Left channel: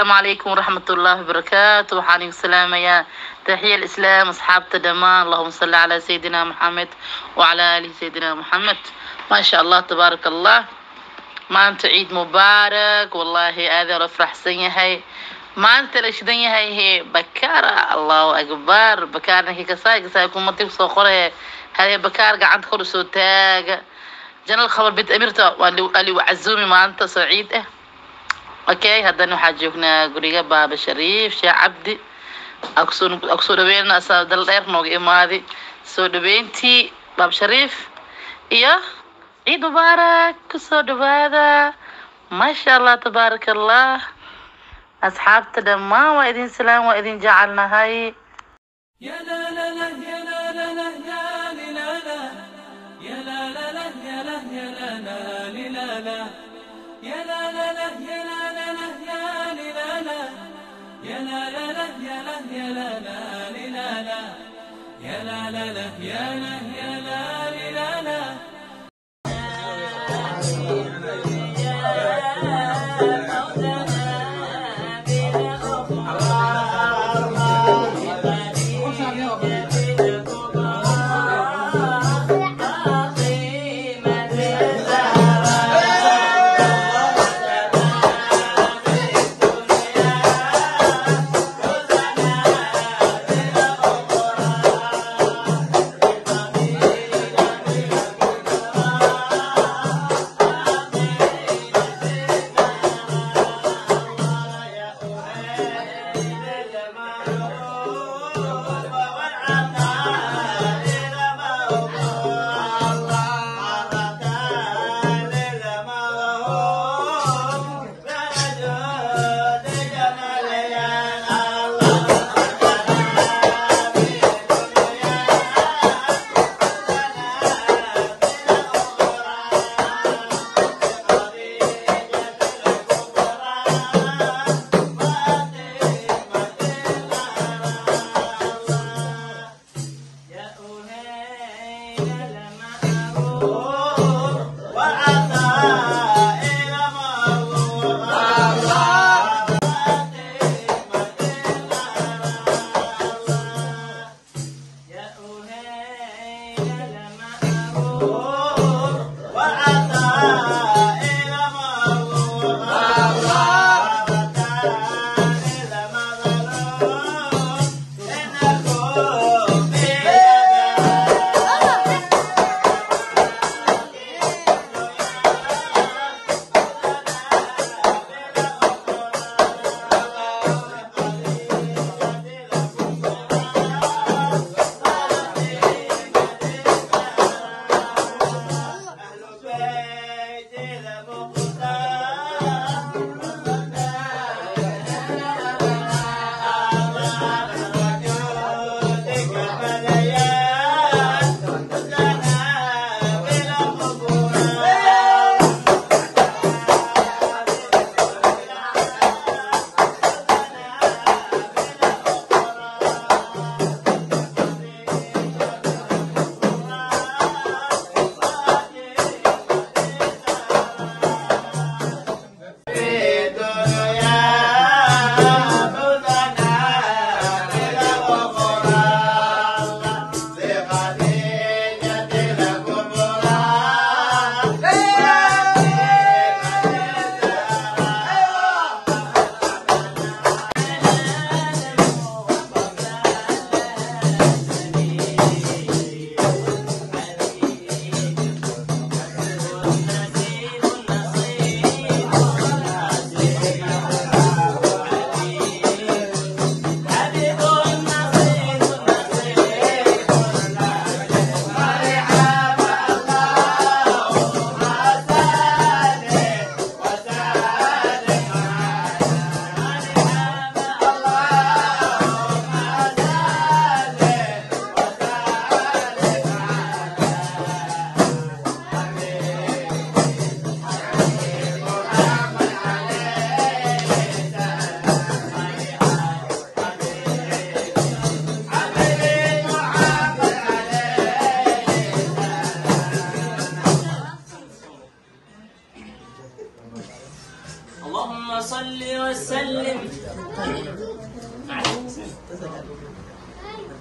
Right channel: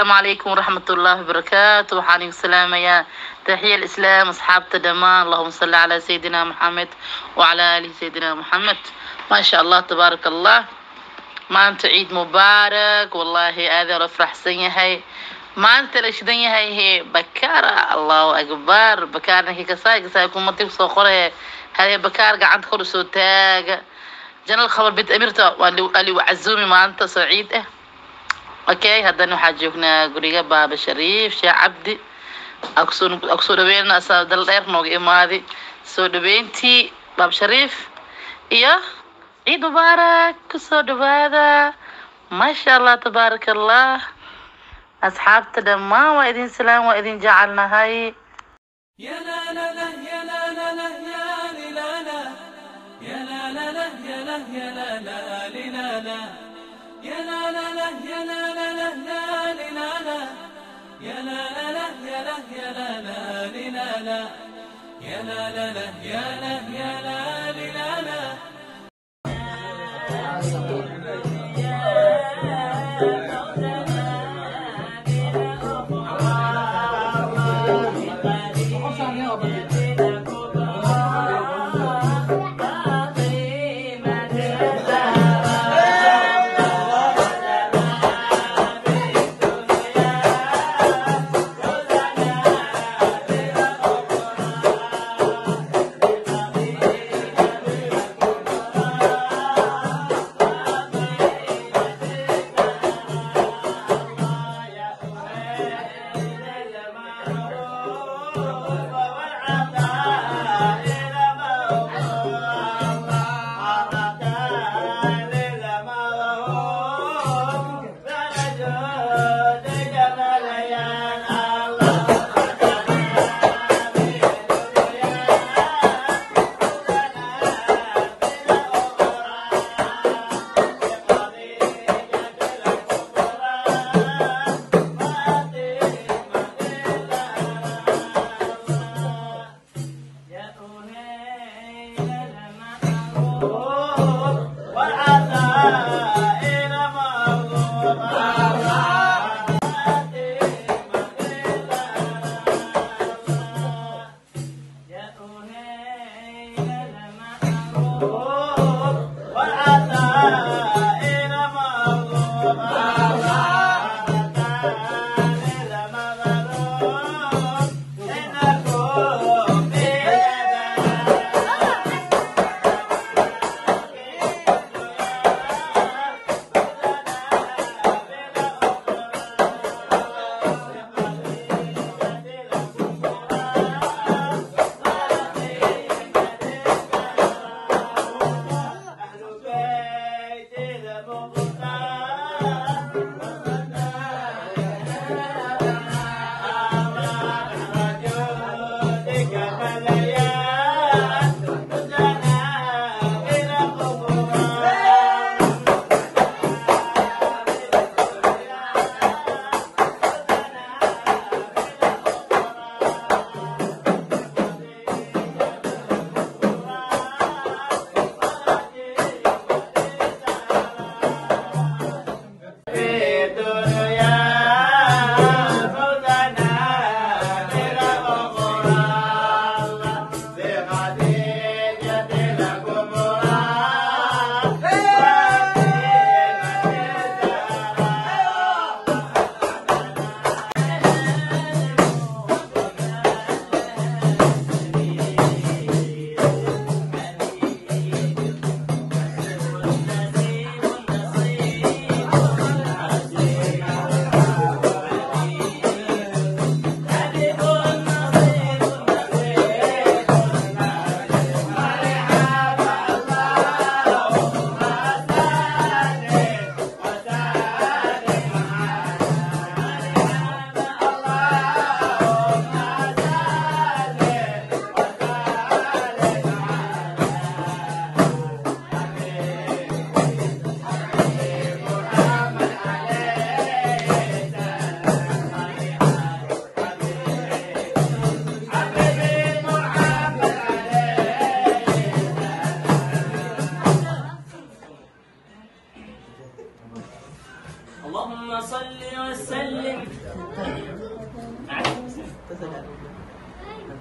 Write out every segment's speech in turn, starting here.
السلام عليكم ورحمة الله وبركاته. وحاني السلام يا تحية الإسلام أصحاب تدمان. اللهم صل على سيدنا محمد وعلى آله سيدنا محمد. ما شاء الله تبارك الله. ما أنت عيد مبارك والله. هذا رفرح سنيهاي ما أنت ليش دنيا هي بكارة. الله أكبر. بكارنا هي كساي كم متى صخرة هذه بكار قاعد خلص تاج جنا الخبر بيت أميرته واللي وعزومي ما أنت سعيد اوكي. هدنا waxaa joognaa guriga baaba shariif sheekh cabdi aksoo dhaweynaa asaa dal dheer nooga imaaday soo dhaweyntii baaba shariif iyo ciid mubaarak kusoo dhawaada. maasha allah tabaaraka allah. asxaabta dhammaan waa idin salaam waa idin jecelnahay. يا لا لا لا يا لا لا لا يا لا لا لا يا لا لا لا يا لا لا لا يا لا لا لا يا لا لا يا لا لا يا لا لا لا يا لا يا لا لا لا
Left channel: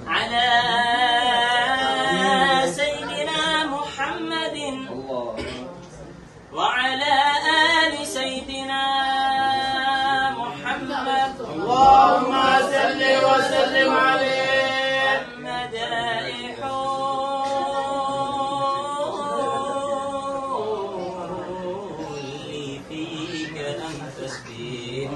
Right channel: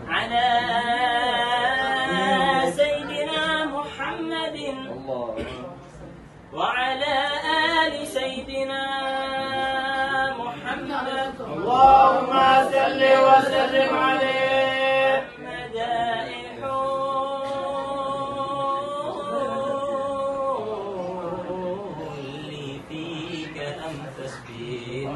على سيدنا محمد وعلى آل سيدنا محمد اللهم صل وسلم عليه. مدائح اللي فيك أم تسبيح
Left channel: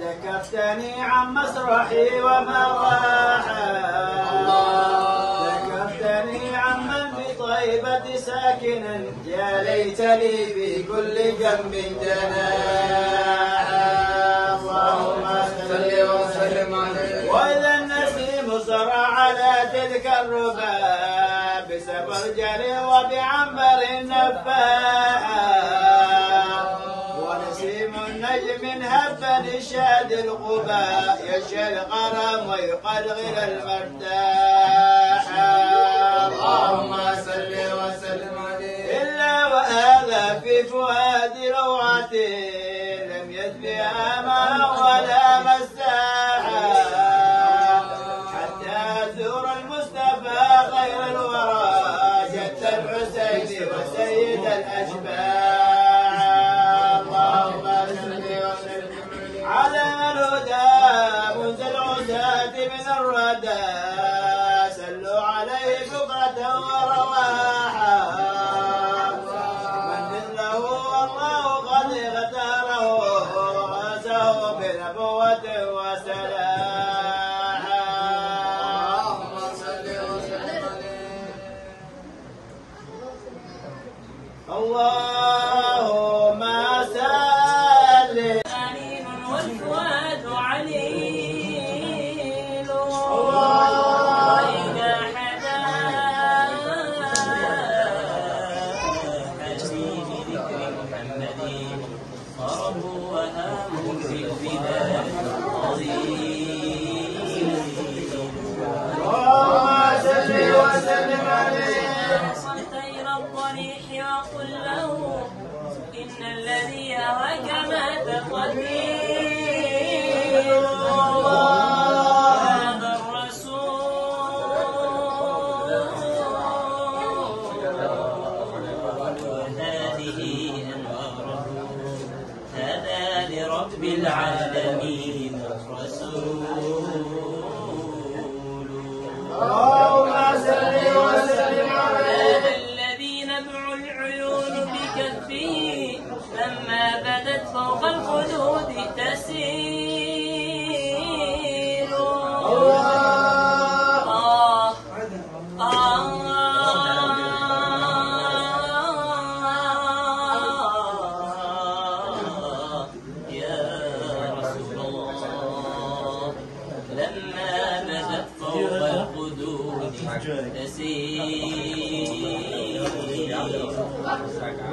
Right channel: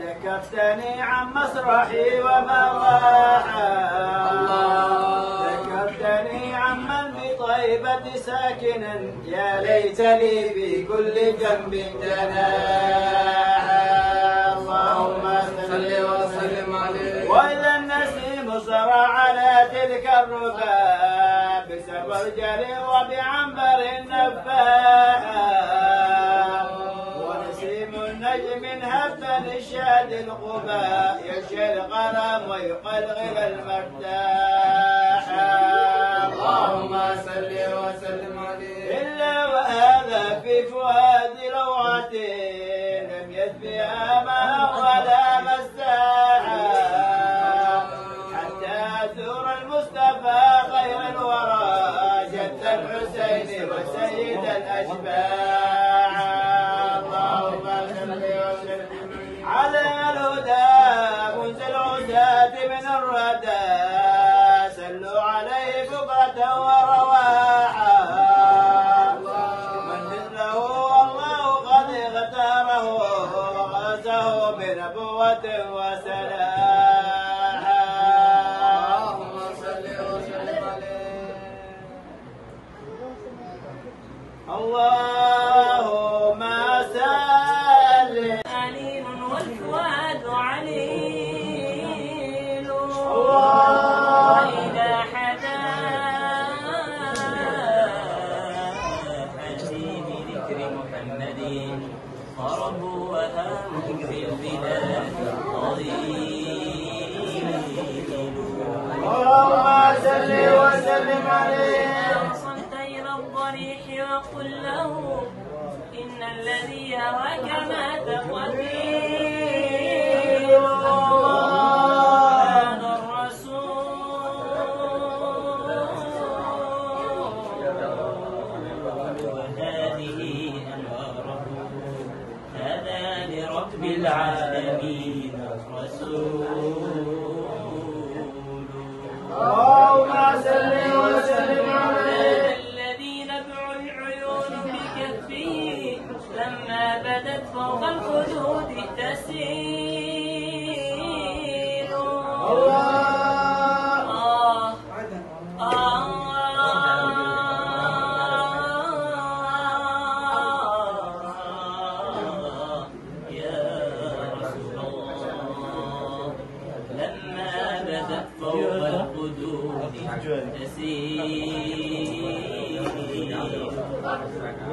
ذكرتني عن مسرحي ومواحا، ذكرتني عن من بطيبة ساكنا، يا ليتني في كل جنب جناح. اللهم صل وسلم عليه. وإذا النسيم سرى على تلك الربا بسبرجل وبعنبر النفاح، ونسيم النجم هبا الشاد الغباء، يشي الغرام ويقلغل المفتاح. اللهم صل وسلم عليه. إلا وهذا في فؤاد روعتي، لم يدفئها ماء ولا مساحة، حتى أزور المصطفى غير الورى، جد الحسين وسيد الأشباح. اللهم صل وسلم على الهدى منزل العزاة من الردى، صلوا عليه بكرة ورواحا، من مثله الله قد اختاره وغزاه بنبوة وسلام. اللهم صل وسلم عليه. اللهم صل. عليم والفؤاد عليم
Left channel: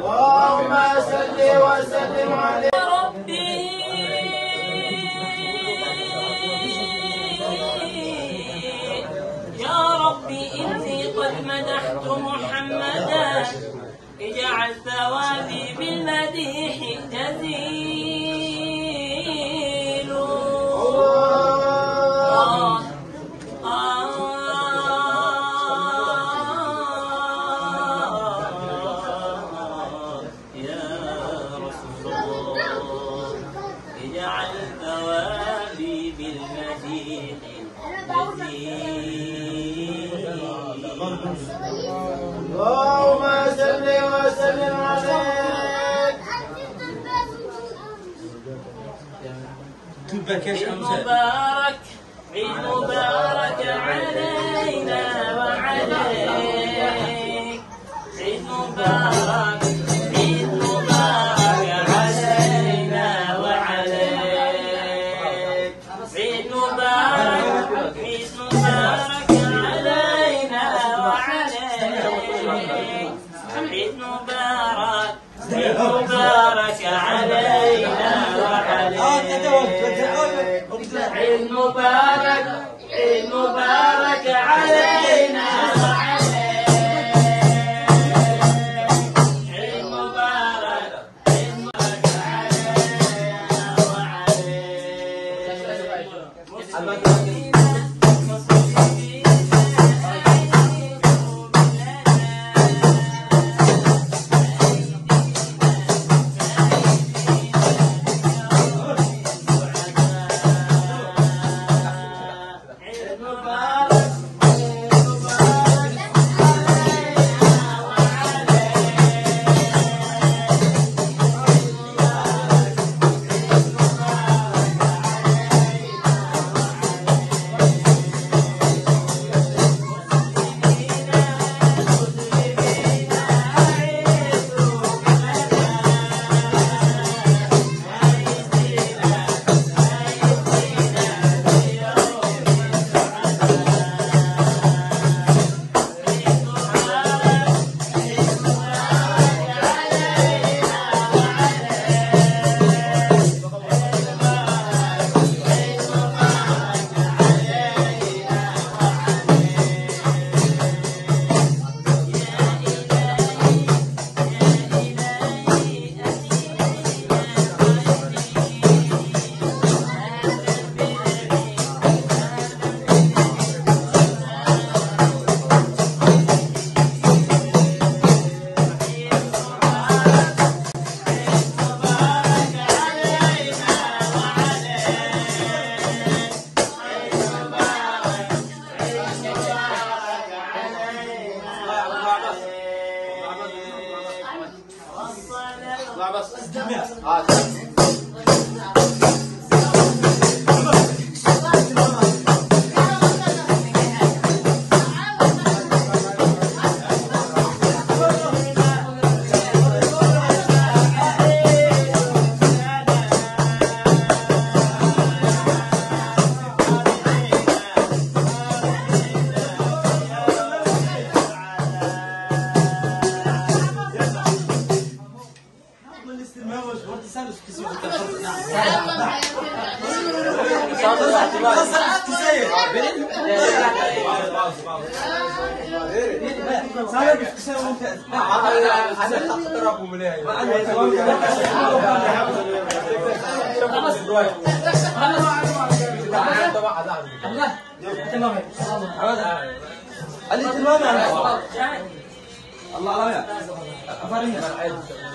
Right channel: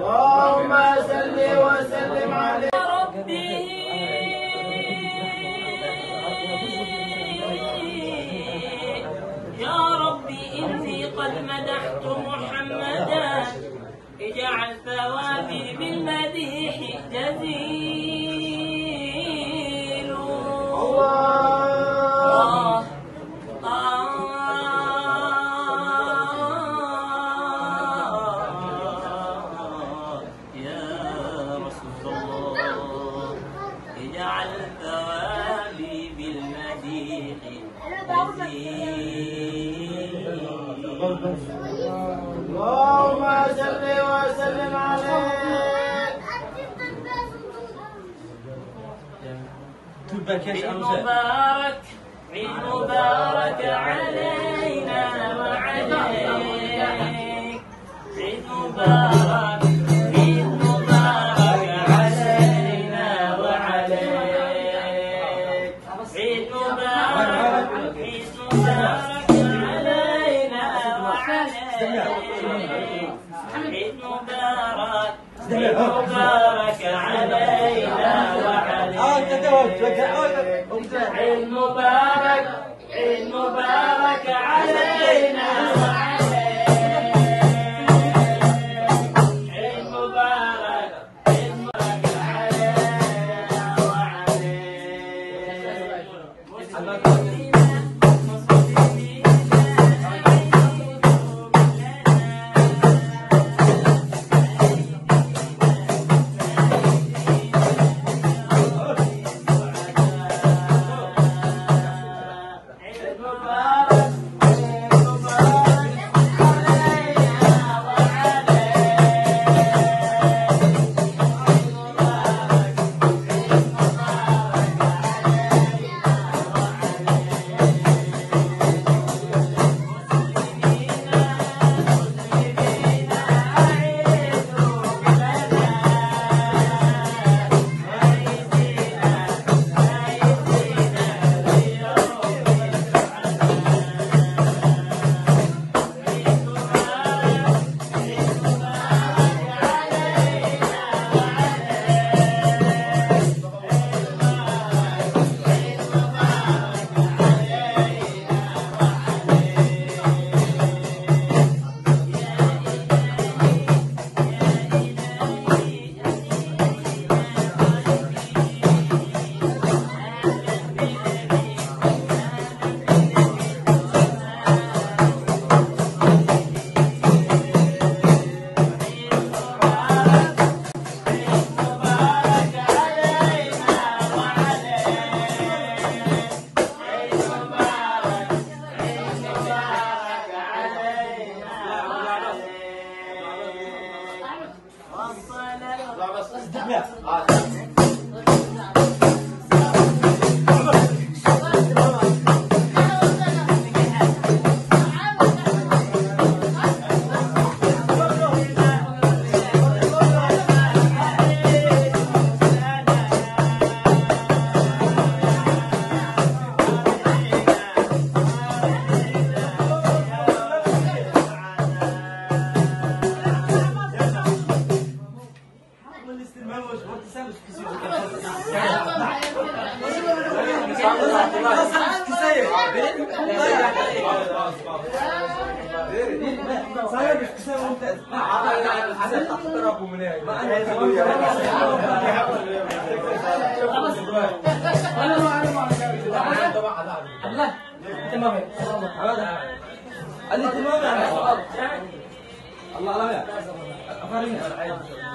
اللهم صل وسلم عليه يا ربي إني قد مدحت محمدا اجعل ثوابي بالمديح جزيل. اللهم صل وسلم عليه. عيد مبارك عيد مبارك علينا وعليك. عيد مبارك عيد مبارك علينا وعليك. عيد مبارك عيد مبارك علينا وعليك. عيد مبارك عيد مبارك علينا وعليك. عيد مبارك عيد مبارك علينا وعليك. عيد مبارك عيد مبارك علينا وعليك.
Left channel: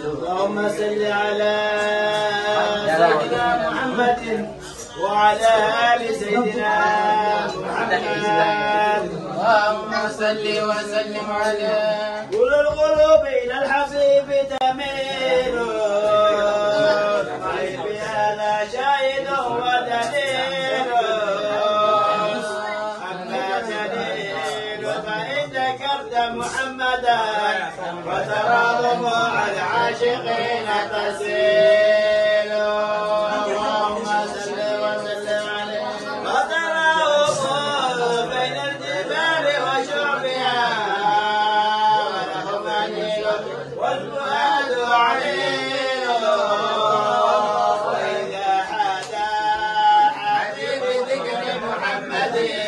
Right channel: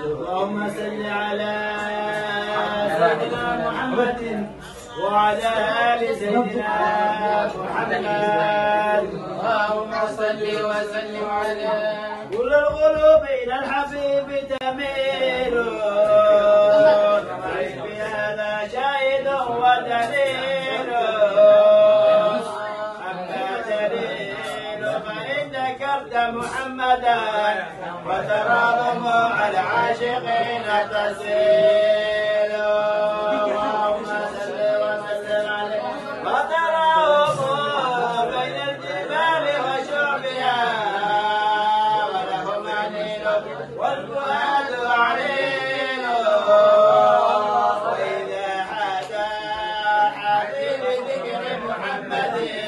اللهم صل على سيدنا محمد وعلى آل سيدنا محمد. اللهم صل وسلم على كل القلوب إلى الحبيب تميل وعيب هذا شاهد ودليل. أبدا وتراهم على العاشقين تسيل اللهم صل وسلم عليه وتراهم بين الجبال وشعبها ولهم أنيل والفؤاد عين وإذا حدا حبيب ذكر محمد